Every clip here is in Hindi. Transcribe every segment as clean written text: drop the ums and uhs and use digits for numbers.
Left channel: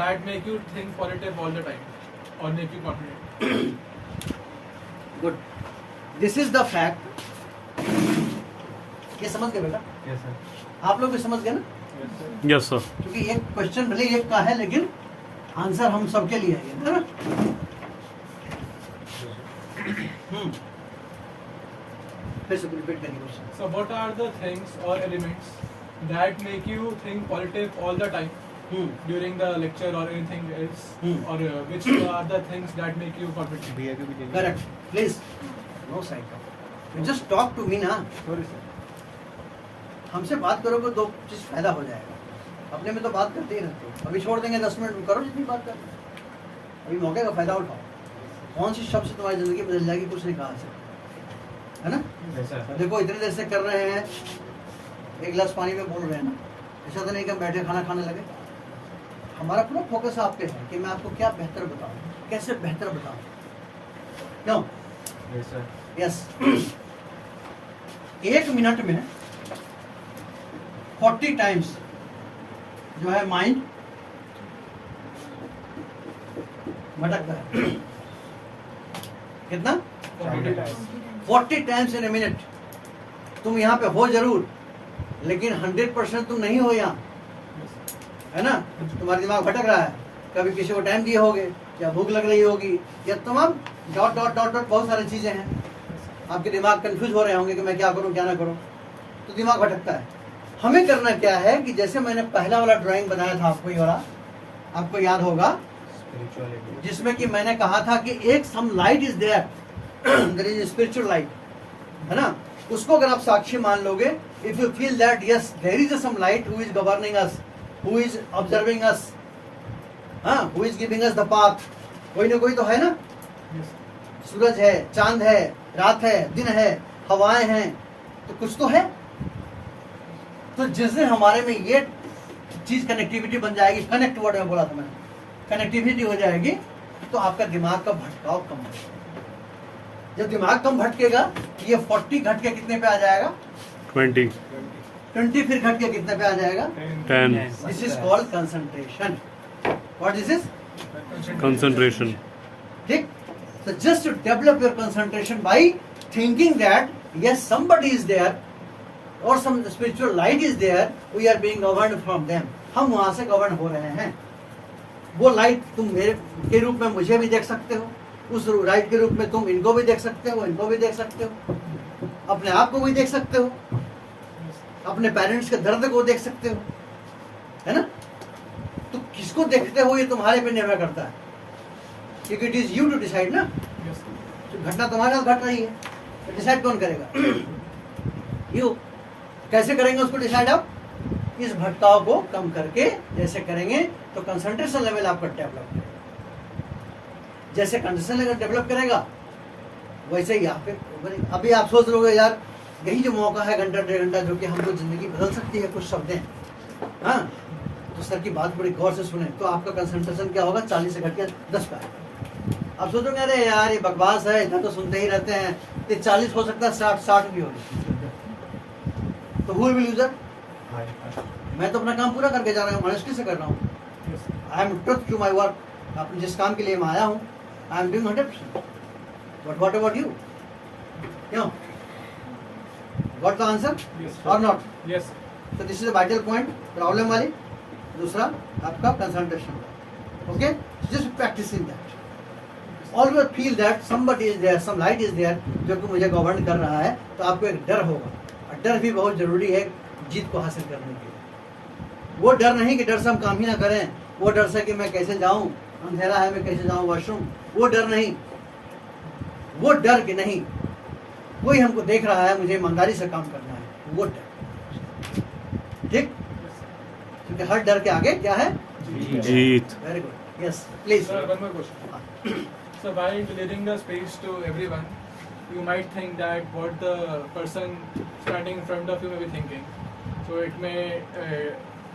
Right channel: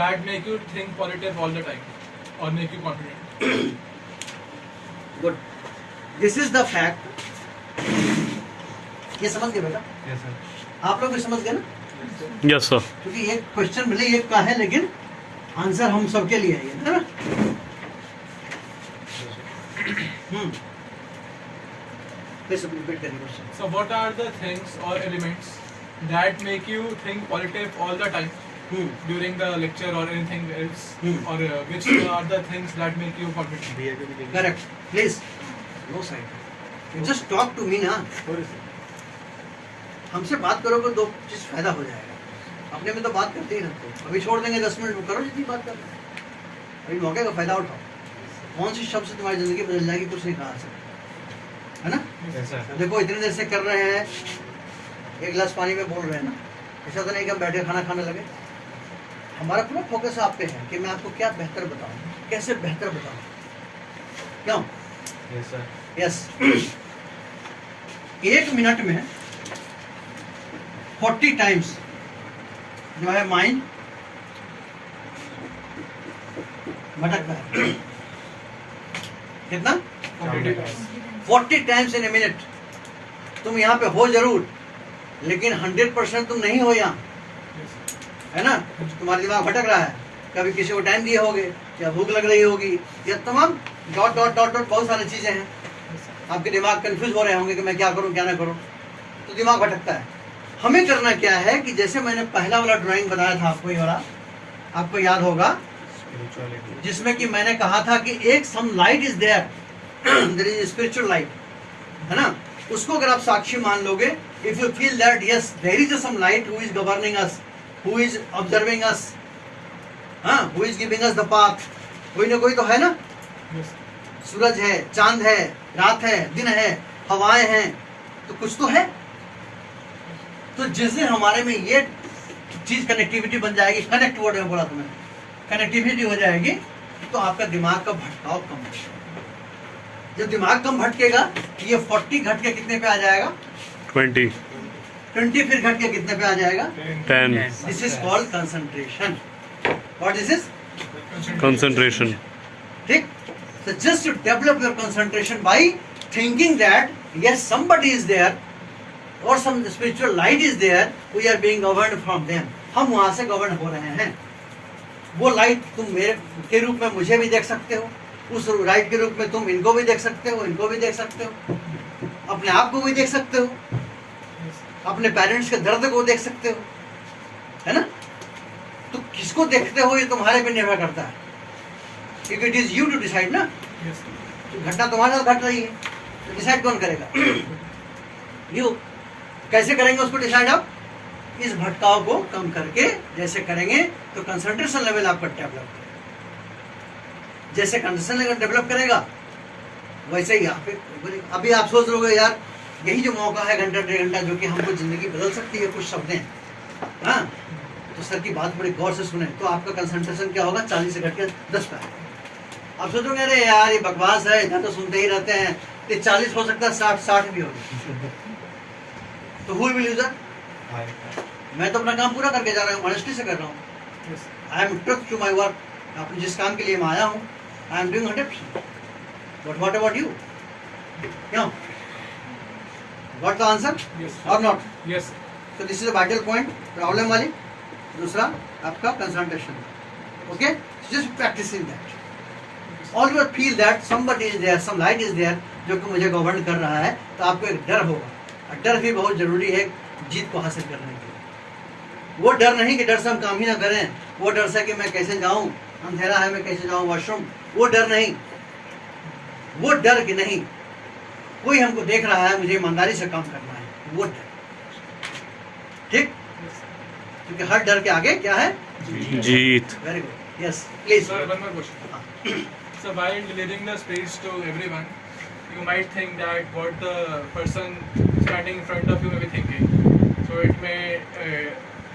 that make you think positive all the time or make you confident? Good, this is the fact. ये समझ गए बेटा? Yes, sir. आप लोग भी समझ गए ना? Yes sir. क्योंकि ये क्वेश्चन भले एक का है लेकिन आंसर हम सबके लिए है ये, है ना? Please repeat the question. So what are the things or elements that make you think positive all the time during the lecture or anything else? Or which are the things that make you confident? Correct. Please. No side. You just talk to me ना. हमसे बात करोगे दो चीज फायदा हो जाएगा. अपने में तो बात करते ही रहते हो. अभी छोड़ देंगे 10 मिनट करो जितनी बात कर. अभी मौके का फायदा उठाओ. कौन सी शब्द से तुम्हारी जिंदगी बदल जाएगी कुछ नहीं कहा सकते, है ना? Yes, sir. देखो इतनी देर से कर रहे हैं, एक गिलास पानी में बोल रहे हैं ना. ऐसा तो नहीं कि हम बैठे खाना खाने लगे. हमारा पूरा फोकस आप पे है कि मैं आपको क्या बेहतर बताऊं, कैसे बेहतर बताऊं. क्यों? Yes, sir. यस. 1 मिनट में 40 टाइम्स जो है माइंड भटकता है. कितना? 40 टाइम्स इन ए मिनट. तुम यहाँ पे हो जरूर, लेकिन 100% तुम नहीं हो यहाँ, है ना? तुम्हारा दिमाग भटक रहा है. कभी किसी को टाइम दिए होगे, या भूख लग रही होगी, या तमाम डॉट डॉट डॉट डॉट बहुत सारी चीजें हैं. आपके दिमाग कंफ्यूज हो रहे होंगे कि मैं क्या करूं क्या ना करूं, तो दिमाग भटकता है. हमें करना क्या है कि जैसे मैंने पहला वाला ड्राइंग बनाया था आपको, ये वाला आपको याद होगा, Spirituality. जिसमें कि मैंने कहा था कि एक some light is there, there is spiritual light, है ना? उसको अगर आप साक्षी मान लोगे, if you feel that yes there is some light who is governing us, who is observing us, हाँ, who is giving us the path. कोई ना कोई तो है ना. Yes. सूरज है, चांद है, रात है, दिन है, हवाएं हैं, तो कुछ तो है. तो जिस दिन हमारे में ये चीज कनेक्टिविटी बन जाएगी, कनेक्ट वर्ड में बोला था मैंने, कनेक्टिविटी हो जाएगी, तो आपका दिमाग का भटकाव कम हो जाएगा. जब दिमाग कम भटकेगा, ये 40 घट के कितने पे आ जाएगा? 20. 20 फिर घट के कितने पे आ जाएगा? 10. This is called concentration. What this is? Concentration. ठीक. So just to develop your concentration by thinking that yes somebody is there or some spiritual light is there, we are being governed from them. हम वहाँ से गवर्न हो रहे हैं. वो लाइट तुम मेरे के रूप में मुझे भी देख सकते हो, उस लाइट के रूप में तुम इनको भी देख सकते हो, इनको भी देख सकते हो, अपने आप को भी देख सकते हो, अपने पेरेंट्स के दर्द को देख सकते हो, है ना? तो किसको देखते हो ये तुम्हारे पे निर्भर करता है, क्योंकि it is you to decide ना. Yes. तो घटना तुम्हारे साथ घट रही है, तो डिसाइड कौन करेगा? यू. कैसे करेंगे उसको डिसाइड आप? इस भटकाव को कम करके जैसे करेंगे तो कंसंट्रेशन लेवल आपका डेवलप करेगा. जैसे कंसंट्रेशन लेवल डेवलप करेगा वैसे ही आप अभी आप सोच रहे हो यार यही जो मौका है घंटा 1.5 घंटा जो कि हमको जिंदगी बदल सकती है कुछ शब्दें, हाँ, तो सर की बात बड़ी गौर से सुने तो आपका कंसंट्रेशन क्या होगा? 40 से घट के 10 पे आएगा. आप सोचोगे अरे यार ये बकवास है, इतना तो सुनते ही रहते हैं, तो 40 हो सकता है, 60 भी हो जाए. तो हु विल यूज दैट? मैं तो अपना काम पूरा करके जा रहा हूँ, ऑनेस्टी से कर रहा हूँ. Yes. I am truth to my work. अपने जिस काम के लिए मैं आया हूँ, I am doing 100%. But what about you? क्यों? What the answer Yes. और नॉट? Yes. तो this is a vital point. Problem वाली. दूसरा आपका concentration. Okay, just practicing that. Always feel that somebody is there, some light is there जो कि मुझे गवर्न कर रहा है. तो आपको एक डर होगा, और डर भी बहुत जरूरी है जीत को हासिल करने के लिए. वो डर नहीं कि डर से हम काम ही ना करें, वो डर से कि मैं कैसे जाऊं, अंधेरा है मैं कैसे जाऊं वॉशरूम, वो डर नहीं. वो डर कि नहीं कोई हमको देख रहा है, मुझे ईमानदारी से काम करना है, वो डर. ठीक. क्योंकि हर डर के आगे क्या है? जीत. Very good. Yes please. Sir, one more question. So while delivering the speech to everyone, you might think that what the person standing in front of you may be thinking. So it may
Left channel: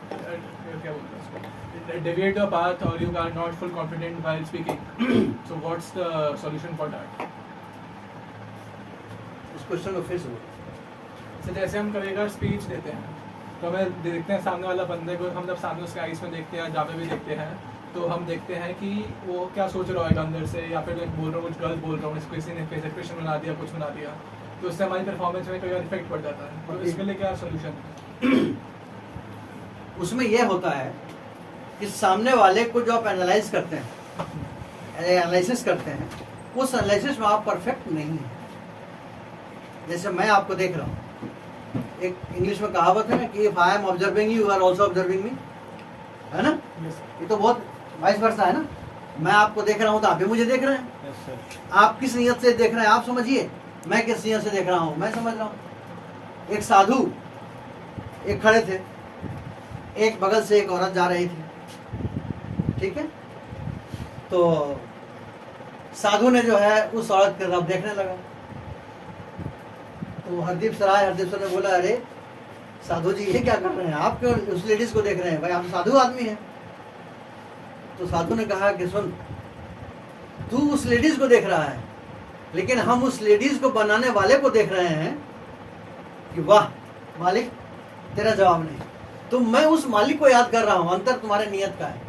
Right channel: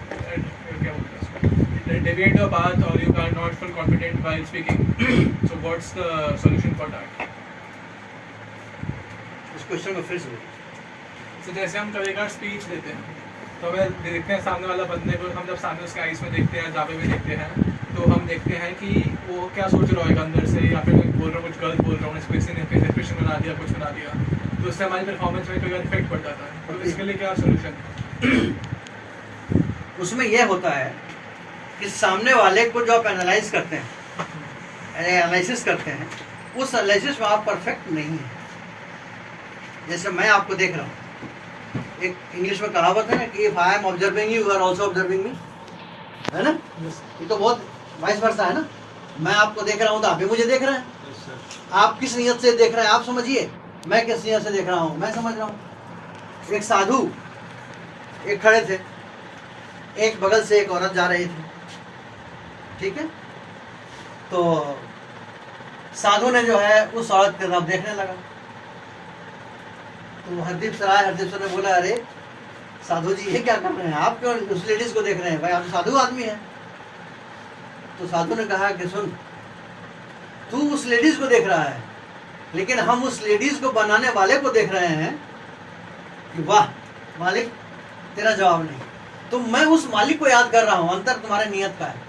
क्या बोलते हैं इसको? Deviate your path, or you are not full confident while speaking. So what's the solution for that? इस क्वेश्चन को फिर से बोलो. So जैसे हम कभी अगर स्पीच देते हैं तो हमें देखते हैं सामने वाला बंदे को, हम जब सामने उसके आइस में देखते हैं, जहाँ पे भी देखते हैं, तो हम देखते हैं कि वो क्या सोच रहा होगा अंदर से, या फिर मैं बोल रहा हूँ कुछ गलत बोल रहा हूँ, इसको किसी ने फेस एक्सप्रेशन बना दिया, कुछ बना दिया, तो उससे हमारी परफॉर्मेंस में कोई इफेक्ट पड़ जाता है। तो इसके लिए क्या सोल्यूशन है? उसमें यह होता है कि सामने वाले को जो आप एनालाइज करते हैं, एनालिसिस करते हैं, उस एनालिसिस में आप परफेक्ट नहीं है। जैसे मैं आपको देख रहा हूँ, एक इंग्लिश में कहावत है ना कि if I am observing you are also observing me, है ना? ये तो बहुत वाइस वर्सा है ना। मैं आपको देख रहा हूँ तो आप भी मुझे देख रहे हैं। Yes, sir. आप किस नियत से देख रहे हैं आप समझिए, मैं किस नियत से देख रहा हूँ मैं समझ रहा हूँ। एक साधु एक खड़े थे, एक बगल से एक औरत जा रही थी, ठीक है? तो साधु ने जो है उस औरत की तरफ देखने लगा। तो हरदीप सर ने बोला, अरे साधु जी ये क्या कर रहे हैं, आप क्यों उस लेडीज को देख रहे हैं? भाई आप साधु आदमी हैं। तो साधु ने कहा कि सुन, तू उस लेडीज को देख रहा है, लेकिन हम उस लेडीज को बनाने वाले को देख रहे हैं कि वाह मालिक तेरा जवाब नहीं। तो मैं उस मालिक को याद कर रहा हूँ। अंतर तुम्हारे नियत का है,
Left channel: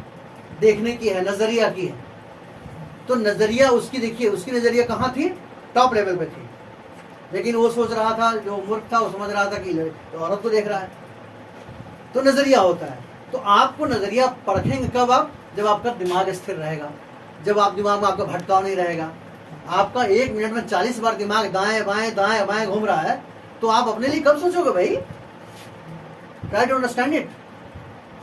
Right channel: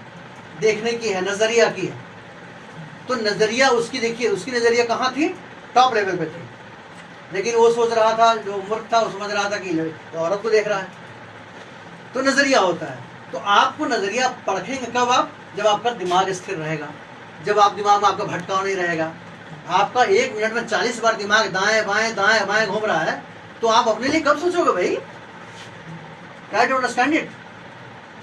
देखने की है, नजरिया की है। तो नजरिया उसकी देखिए, उसकी नजरिया कहाँ थी? टॉप लेवल पे थी। लेकिन वो सोच रहा था, जो मूर्ख था वो समझ रहा था कि तो औरत को देख रहा है। तो नजरिया होता है। तो आपको नजरिया परखेंगे कब आप? जब आपका दिमाग स्थिर रहेगा, जब आप दिमाग में आपका भटकाव नहीं रहेगा। आपका 1 मिनट में 40 बार दिमाग दाएं बाएं घूम रहा है, तो आप अपने लिए कब सोचोगे भाई? Try to understand it.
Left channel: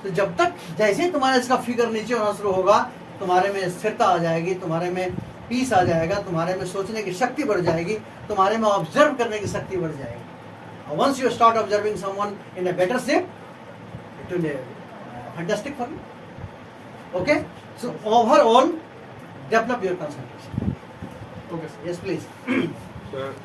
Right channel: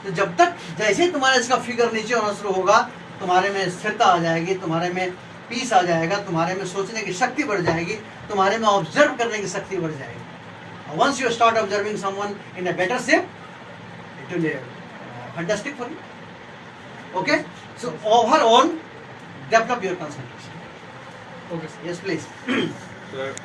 तो जब तक जैसे ही तुम्हारा इसका फिगर नीचे होना शुरू होगा, तुम्हारे में स्थिरता आ जाएगी, तुम्हारे में पीस आ जाएगा, तुम्हारे में सोचने की शक्ति बढ़ जाएगी, तुम्हारे में ऑब्जर्व करने की शक्ति बढ़ जाएगी। Once you start observing someone in a better shape, it will fantastic for you. Okay, so overall develop your concentration. Okay yes please. Sir,